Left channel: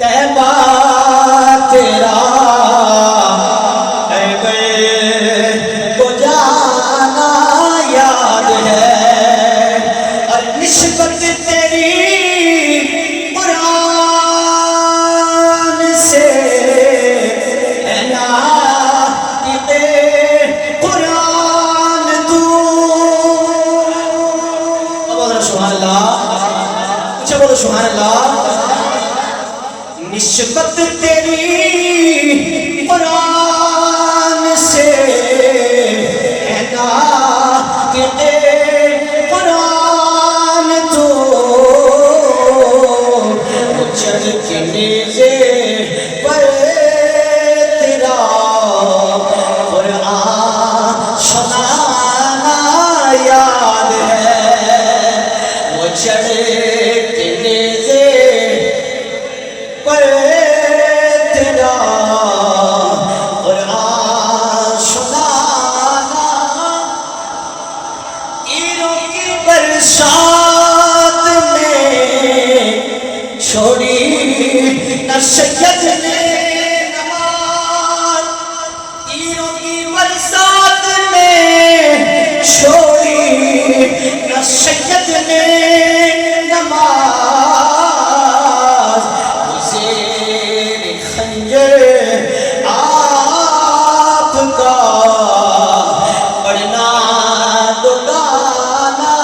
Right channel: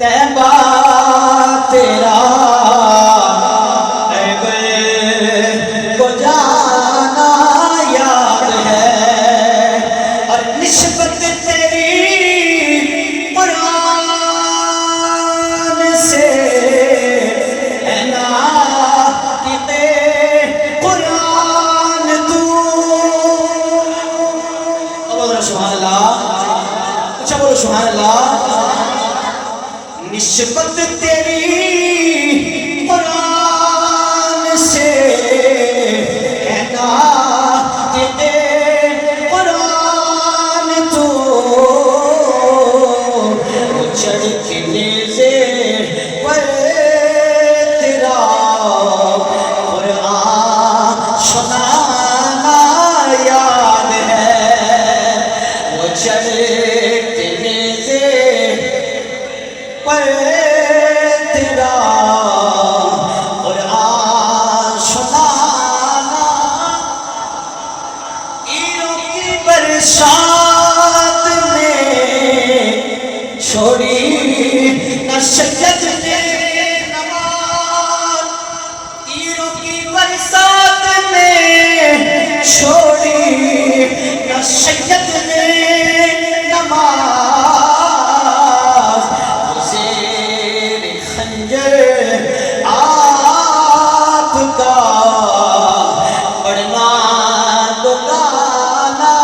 تیبہ تیرا اے گئے کو جانا یاد ہے، اور نسبت تیری قرآن سے اے ناطق قرآن تو۔ بولو سبحان اللہ، اچھا بولو سبحان اللہ۔ نسبت تیری قرآن سے اے ناطق قرآن تو، چڑھ کے نیزے پر تیرا قرآن سنانا یاد ہے، وہ چڑھ کے نیزے پر تیرا قرآن سنانا، ایروں کی برسات میں چھوڑی نہ سید نے نماز، ایروں کی برسات میں چھوڑی نہ سید نے نماز، زیر خنجر آپ کا پڑھنا دکانا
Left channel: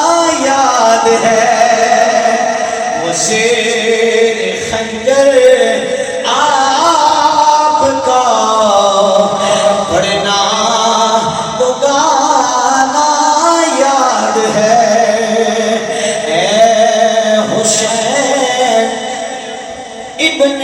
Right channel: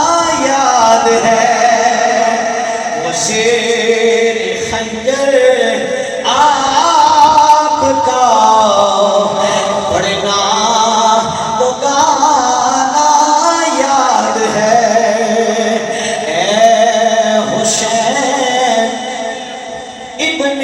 یاد ہے، وہ زیر خنجر آپ کا پڑھنا دکانا یاد ہے۔ اے حسین ابن